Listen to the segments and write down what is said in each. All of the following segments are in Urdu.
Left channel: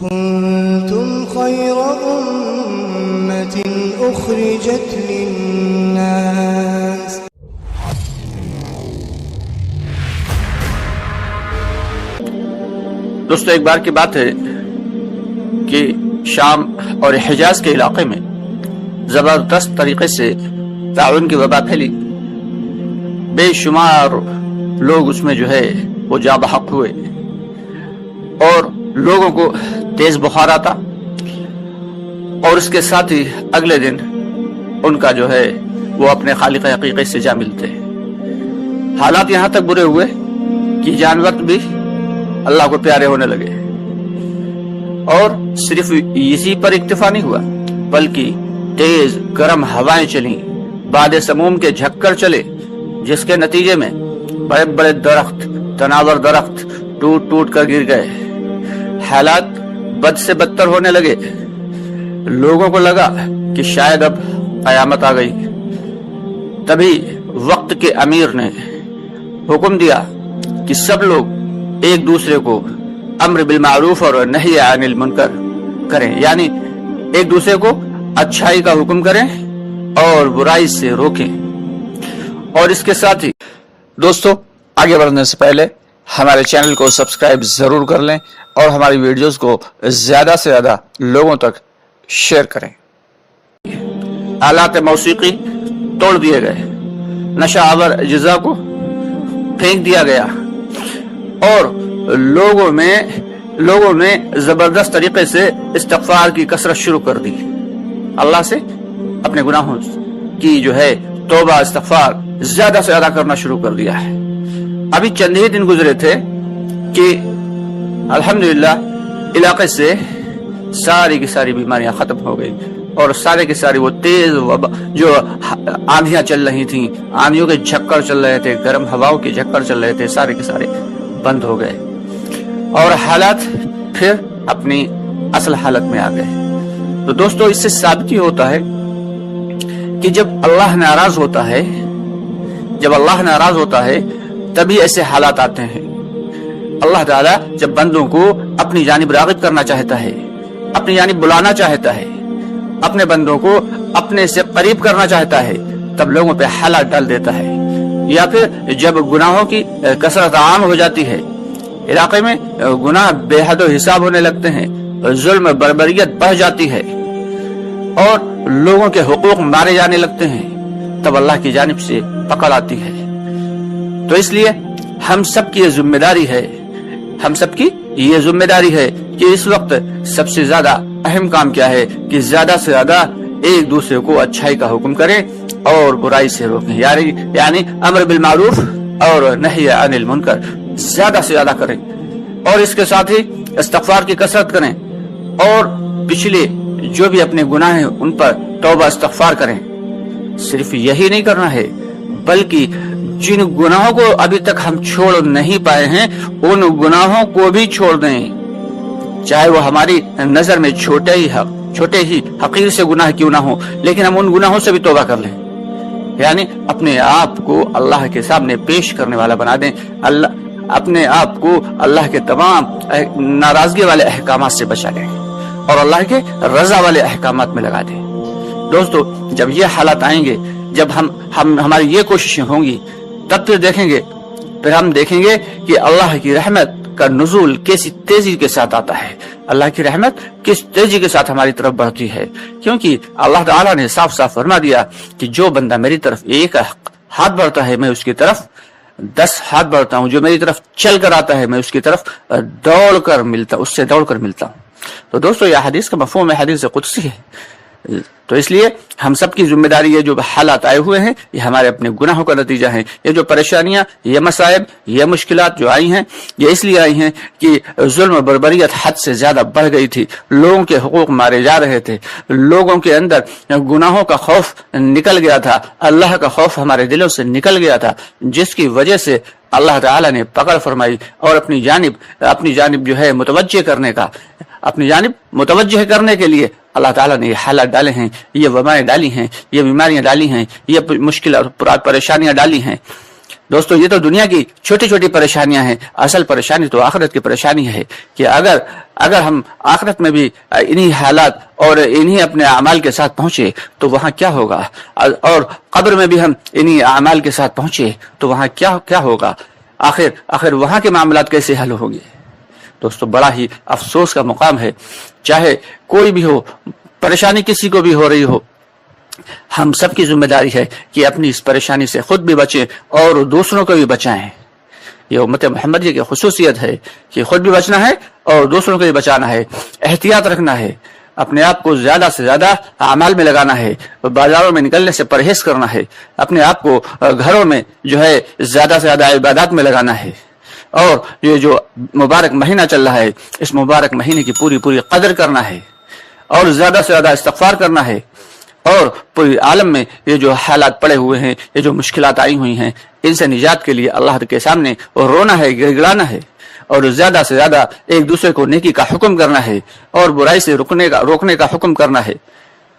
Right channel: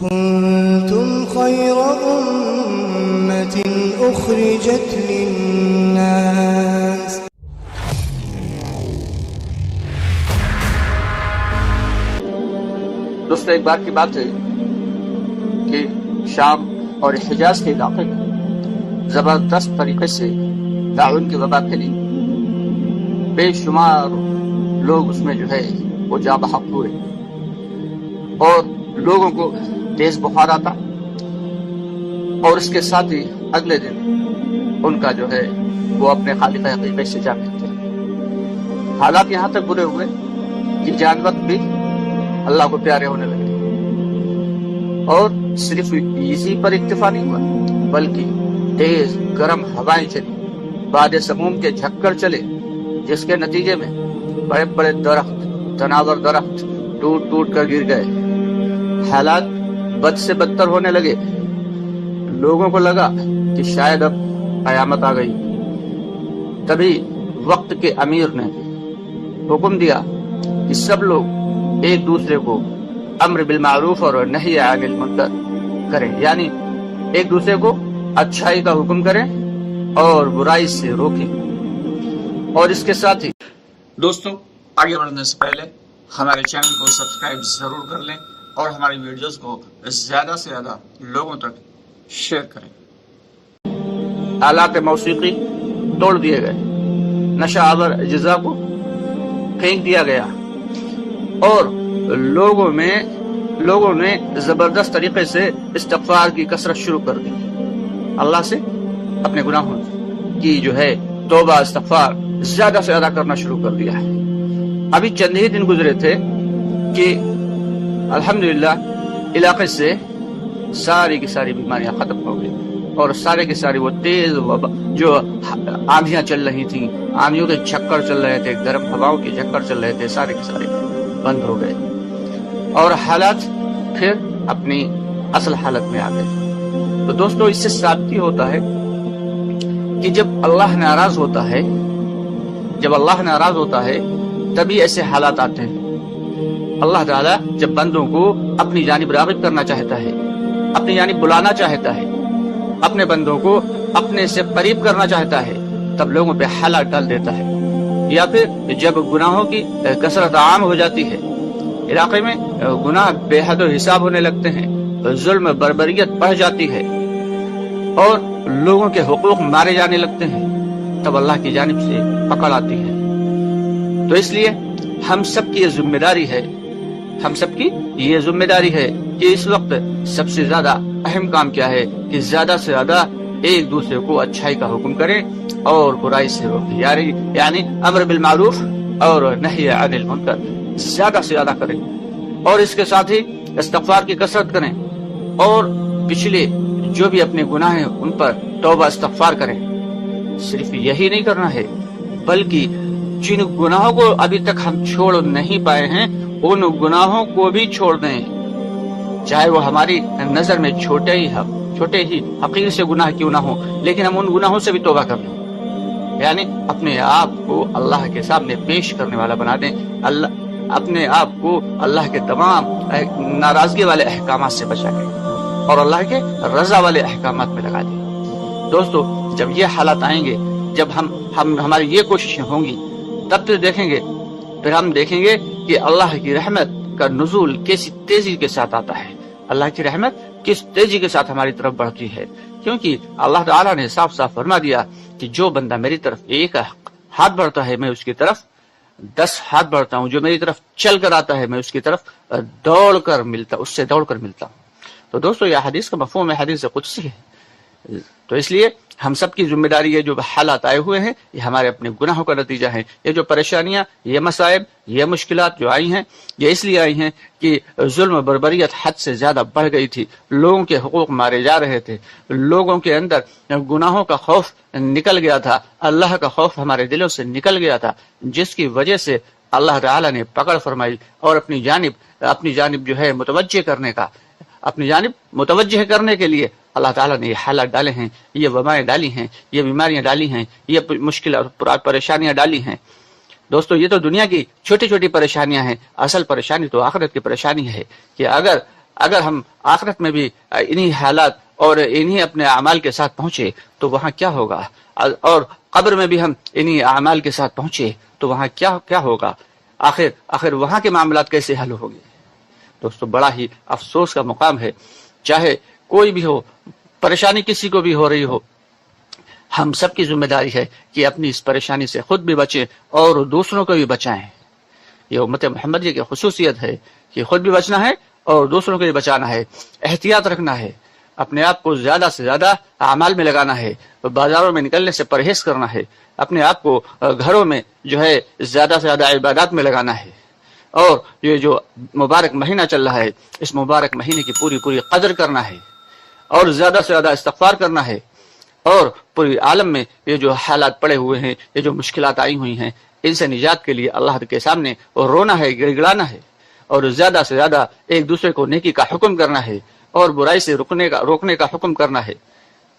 كنتم خير أمة أخرجت للناس. دوستو، ایک بار کی بات ہے کہ شام اور حجاز کے علاقے میں زبردست طریقے سے طاعون کی وبا پھیلی. بے شمار لوگ اس میں جو ہے وہ جاں بحق ہوئے اور لوگوں کو تیز بخار آتا، اور اس کے ساتھ ہی اگلے دن ان کا جو ہے وہ اپنے خالق حقیقی سے جا ملتے. حالات یہاں تک برے ہوئے کہ جانور بھی اللہ کو پیارے ہونے لگے، اور صرف اسی پر اکتفا نہیں ہوا بلکہ تیز گرم ہوائیں چلیں، باد سموم کے جھکڑ چلے، جس کے نتیجے میں بڑے بڑے درخت، تناور درخت ٹوٹ ٹوٹ کر گر گئے. حالات بد سے بدتر ہونے لگے. لوگوں کو لگا کہ شاید اب قیامت آ گئی. تبھی وقت کے امیر نے حکم دیا کہ سب لوگ ایک دوسرے کو امر بالمعروف اور نہی عن المنکر کریں، یعنی ایک دوسرے کو اچھائی کا حکم کریں اور برائی سے روکیں. اور اس کے ساتھ ہی دوستو، آگے بڑھنے سے پہلے ہمارے چینل کو سبسکرائب ضرور کر لیں اور ہماری ویڈیوز کو زیادہ سے زیادہ لوگوں تک شیئر کریں. آلات موسیقی توڑ دیے گئے، نشہ آور اجزاء کو پھینک دیا گیا، اور لوگوں میں زبردست طریقے سے استغفار کی کثرت شروع کر دی. اللہ سے اپنے گناہوں کی جو ہے توبہ استغفار زیادہ سے زیادہ کرنا شروع کر دیا ہے. ابھی چند ہی دن گزرے تھے کہ الحمدللہ علاقے سے ساری کی ساری بیماریاں ختم ہو گئی، اور سارے کی ساری وہ تیز جو آندھیاں چل رہی تھیں، آندھیوں کے جھکڑ چل رہے تھے، گرم ہواؤں کے جھکڑ چل رہے تھے، سارے کے سارے بند ہو گئے اور حالات پھر اپنی اصل حالت میں آ گئے. تو دوستو، اس سے ثابت یہ ہوتا ہے کہ جب اللہ ناراض ہوتا ہے تبھی ایسے حالات آتے ہیں. اللہ تعالیٰ جب بندوں کو اپنی جانب راغب کرنا چاہتا ہے، اپنی جانب بلانا چاہتا ہے، اپنے بندوں کو اپنے سے قریب کرنا چاہتا ہے، تب لوگوں پہ حالات ڈال دیتا ہے. یا پھر جب گناہوں کی کثرت عام ہو جاتی ہے، علاقے میں گناہ بے حد و حساب ہونے لگتے ہیں، ظلم بربریت بڑھ جاتی ہے اور لوگوں کے حقوق مارے جانے لگتے ہیں، تب اللہ کی جانب سے پکڑ آتی ہے. تو اس لیے ہم سب کی یہ ذمہ داری ہے کہ اس وقت سب سے زیادہ اہم کام کیا ہے کہ زیادہ سے زیادہ ایک دوسرے کو اچھائی کا حکم کریں اور برائی سے روکیں، یعنی امر بالمعروف اور نہی عن المنکر زیادہ سے زیادہ کریں، اور اس کے ساتھ ہی استغفار کی کثرت کریں، اور پچھلے جو بھی اپنے گناہ ہیں ان پر توبہ استغفار کریں. صرف یہی نہیں کرنا ہے بلکہ جن گناہوں کو ابھی تک ہم چھوڑ نہیں پائے ہیں ان گناہوں کو بھی چھوڑ دیں، چاہے وہ ہماری نظر میں چھوٹے ہی حقیر سے گناہ کیوں نہ ہو، لیکن ہم ان گناہوں سے بھی توبہ کر لیں، یعنی اپنے آپ کو اللہ کے سامنے پیش کرنے والا بنا دیں، اپنے آپ کو اللہ کے تمام ناراضگی والے احکامات سے بچا لیں اور اللہ کے رضا والے احکامات میں لگا دیں. دوستو، جب یہ حالات آئیں گے، جب ہماری یہ کوششیں ہوں گی، تب پھر ہم دیکھیں گے کہ اللہ کی رحمت کا نزول کیسی تیزی کے ساتھ آتا ہے، اللہ کی رحمت کس تیزی کے ساتھ ہماری طرف بڑھتی ہے. کیونکہ اللہ تعالیٰ نے صاف صاف فرما دیا کہ جو بندہ میری طرف ایک ہاتھ بڑھتا ہے میں اس کی طرف 10 ہاتھ بڑھتا ہوں، جو میری طرف چل کر آتا ہے میں اس کی طرف دوڑ کر ملتا ہوں. تو دوستو، یہ حدیث کا مفہوم ہے، حدیث قدسی ہے. تو اس لیے ہم سب کی ذمہ داری ہے، جو حالات آئے ہوئے ہیں یہ ہمارے اپنے گناہوں کا نتیجہ ہیں. یہ جو پریشانیاں، یہ مصائب، یہ مشکلات جو آئی ہیں، یہ اس لیے آئی ہیں کہ ظلم و بربریت حد سے زیادہ بڑھ گئی تھی، لوگوں کے حقوق مارے جا رہے تھے، لوگوں کے اندر گناہوں کا خوف نکل گیا تھا، اللہ کا خوف ہمارے دلوں سے نکل گیا تھا، جس کی وجہ سے اللہ تعالیٰ نے پکڑ فرمائی اور اپنی جانب جو ہے اپنی جانب متوجہ کرنے کے لیے اللہ تعالیٰ نے یہ حالات ڈالے ہیں، یہ وبائیں ڈالی ہیں، یہ بیماریاں ڈالی ہیں، یہ مشکل اور پریشانیاں ڈالی ہیں. دوستو یہ تو دنیا کی چھوٹی چھوٹی پریشانیاں ہیں، اصل پریشانی تو آخرت کی پریشانی ہے کہ اگر ہم آخرت میں بھی انہی حالات اور انہی اپنے اعمال کے ساتھ پہنچے تو وہاں کیا ہوگا، اور قبر میں بھی ہم انہی اعمال کے ساتھ پہنچے تو وہاں کیا ہوگا، آخر وہاں کے معاملات کیسے حل ہوں گے۔ دوستو بڑا ہی افسوس کا مقام ہے، چاہے کوئی بھی ہو، پریشانی کسی کو بھی ہو رہی ہو، ہم سب کی ذمہ داری ہے کہ اپنی اس پریشانی سے خود بھی بچیں اور دوسروں کو بھی بچائیں۔ یہ امت محمدیہ کی خصوصیت ہے کہ خود بھی بچنا ہے اور دوسروں کو بھی بچانا ہے، احتیاط رکھنا ہے، اپنے آپ کو زیادہ سے زیادہ اعمال میں لگانا ہے، بازاروں میں نکلنے سے پرہیز کرنا ہے، اپنے آپ کو گھروں میں جو ہے زیادہ سے زیادہ عبادات میں لگانا ہے، اور یہ جو مبارک مہینہ چل رہا ہے اس مبارک مہینے کی پوری قدر کرنا ہے، اور زیادہ سے زیادہ استغفار کرنا ہے، اور پوری عالم میں یہ جو حالات پڑے ہوئے ہیں، یہ جو مشکلات آئی ہوئی ہیں، ان سے نجات کے لیے اللہ کے سامنے رونا ہے، گڑگڑانا ہے، اور زیادہ سے زیادہ ایک دوسرے کو نیکی کا حکم کرنا ہے اور برائی سے روکنے کا حکم کرنا ہے۔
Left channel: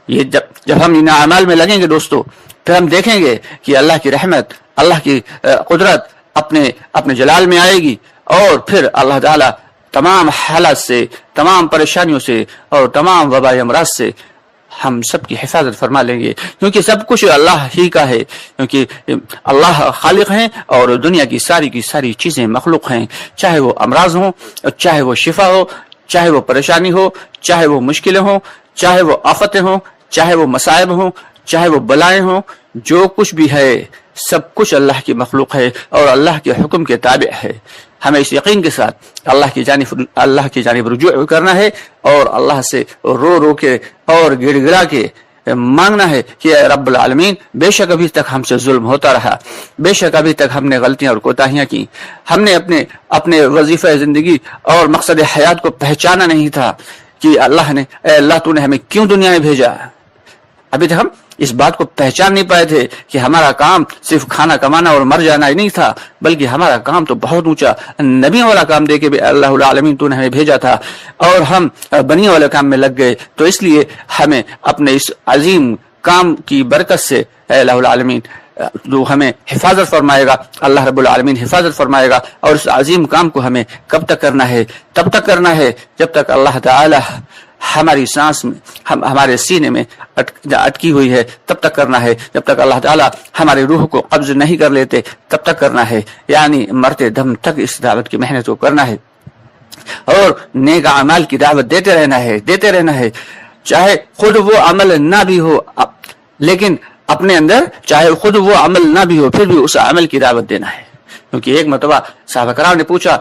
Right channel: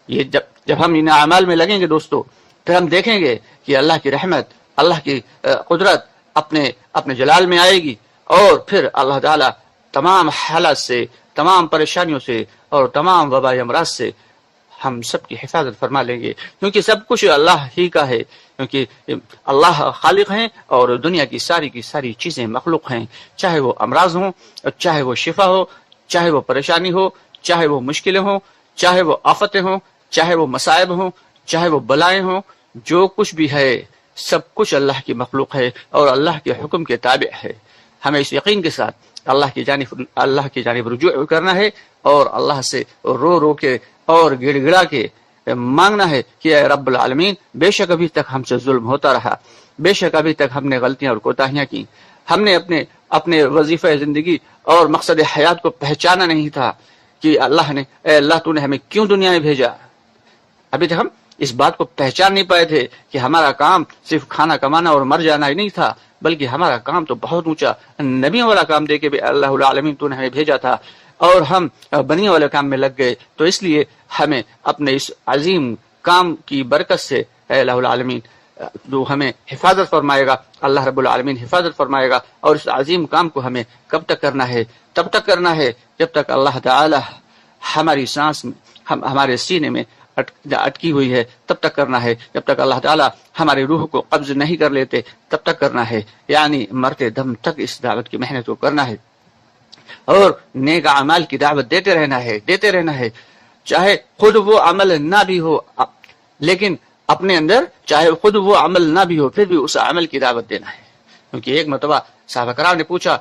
یہ جب ہم ان اعمال میں لگیں گے دوستو، پھر ہم دیکھیں گے کہ اللہ کی رحمت، اللہ کی قدرت اپنے جلال میں آئے گی، اور پھر اللہ تعالی تمام حالات سے، تمام پریشانیوں سے اور تمام وبائی امراض سے ہم سب کی حفاظت فرما لیں گے، کیونکہ سب کچھ اللہ ہی کا ہے، کیونکہ اللہ خالق ہیں اور دنیا کی ساری چیزیں مخلوق ہیں، چاہے وہ امراض ہوں، چاہے وہ شفا ہو، چاہے وہ پریشانی ہو، چاہے وہ مشکلیں ہوں، چاہے وہ آفتیں ہوں، چاہے وہ مصائب ہوں، چاہے وہ بلائیں ہوں، جو کچھ بھی ہے سب کچھ اللہ کی مخلوق ہے اور اللہ کے حکم کے تابع ہے۔ ہمیں اس یقین کے ساتھ اللہ کی جانب رجوع کرنا ہے اور اللہ سے رو کے اور گڑ گڑا کے مانگنا ہے کہ اے رب العالمین، بے شک ابھی تک ہم سے ظلم ہوتا رہا، بے شک ابھی تک ہم نے غلطیاں اور کوتاہیاں کی، ہم نے اپنے وظیفہ زندگی اور مقصد حیات کو پہچانا نہیں تھا کہ اے اللہ تو نے ہمیں کیوں دنیا میں بھیجا۔ ابھی تک ہم اس بات کو پہچان نہیں پائے تھے کہ ہمارا کام صرف کھانا کمانا اور مر جانا ہی نہیں تھا، بلکہ ہمارا کام تو بہت اونچا نبیوں والا کام دے کے بھی اللہ العالمین تو نے ہمیں بھیجا تھا، اور ہم بنی والے کام میں لگ گئے۔ تو اس لیے ہمیں اپنے اس عظیم کام کی برکت سے اے اللہ العالمین جو ہمیں حفاظت فرمائے گا، اللہ رب العالمین حفاظت فرمائے گا، اور اس عظیم کام کو ہمیں کب تک کرنا ہے؟ تب تک کرنا ہے جب تک اللہ تعالی ہماری سانس میں، ہمارے سینے میں اٹکی ہوئی ہے، تب تک کرنا ہے، جب تک اللہ تعالیٰ ہماری روح کو قبض نہیں کر لیتے تب تک کرنا ہے، یعنی مرتے دم تک اس دعوت کی محنت کو کرنا ہے، اور نیک اعمال کی دعوت دیتے رہنا ہے، چاہے خود وہ عمل نہ بھی ہو، لیکن اپنے اندر چاہے خود وہ عمل نہ بھی ہو پھر بھی اس عمل کی دعوت دینا ہے۔ کیونکہ ایک مرتبہ صحابہ کرام نے پوچھا،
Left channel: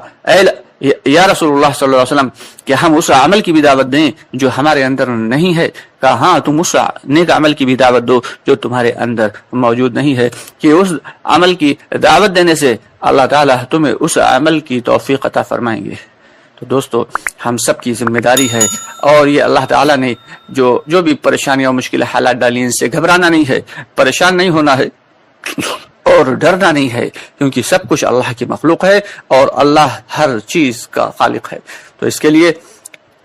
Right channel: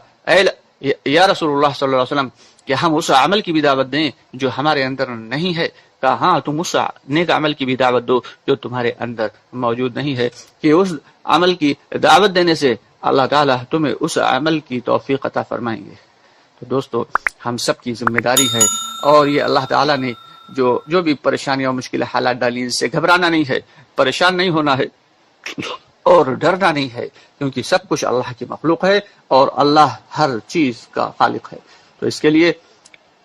یا رسول اللہ صلی اللہ علیہ وسلم، کہ ہم اس عمل کی بھی دعوت دیں جو ہمارے اندر نہیں ہے؟ کہا ہاں، تم اس نیک عمل کی بھی دعوت دو جو تمہارے اندر موجود نہیں ہے، کہ اس عمل کی دعوت دینے سے اللہ تعالیٰ تمہیں اس عمل کی توفیق عطا فرمائیں گے۔ تو دوستو ہم سب کی ذمہ داری ہے، اور یہ اللہ تعالیٰ نے جو بھی پریشانیاں اور مشکل حالات ڈالی، ان سے گھبرانا نہیں ہے، پریشان نہیں ہونا ہے اور ڈرنا نہیں ہے، کیونکہ سب کچھ اللہ کی مخلوق ہے اور اللہ ہر چیز کا خالق ہے۔ تو اس کے لیے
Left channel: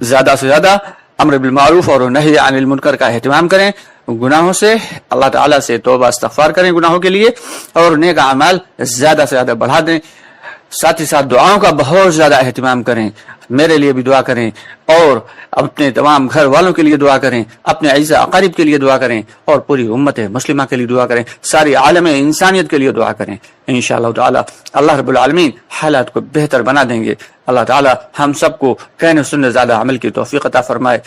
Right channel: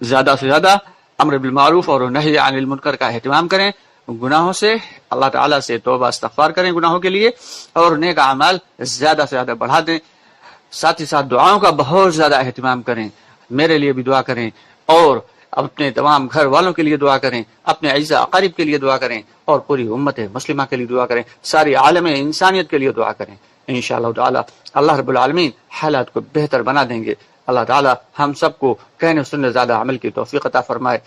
زیادہ سے زیادہ امر بالمعروف اور نہی عن المنکر کا اہتمام کریں، گناہوں سے اللہ تعالیٰ سے توبہ استغفار کریں گناہوں کے لیے، اور نیک اعمال زیادہ سے زیادہ بڑھا دیں، ساتھ ہی ساتھ دعاؤں کا بہت زیادہ اہتمام کریں، میرے لیے بھی دعا کریں، اور اپنے تمام گھر والوں کے لیے دعا کریں، اپنے اعزاء اقارب کے لیے دعا کریں، اور پوری امت مسلمہ کے لیے دعا کریں، ساری عالم انسانیت کے لیے دعا کریں۔ انشاءاللہ تعالی اللہ رب العالمین حالات کو بہتر بنا دیں گے۔ اللہ تعالی ہم سب کو کہنے سننے زیادہ عمل کی توفیق عطا فرمائے۔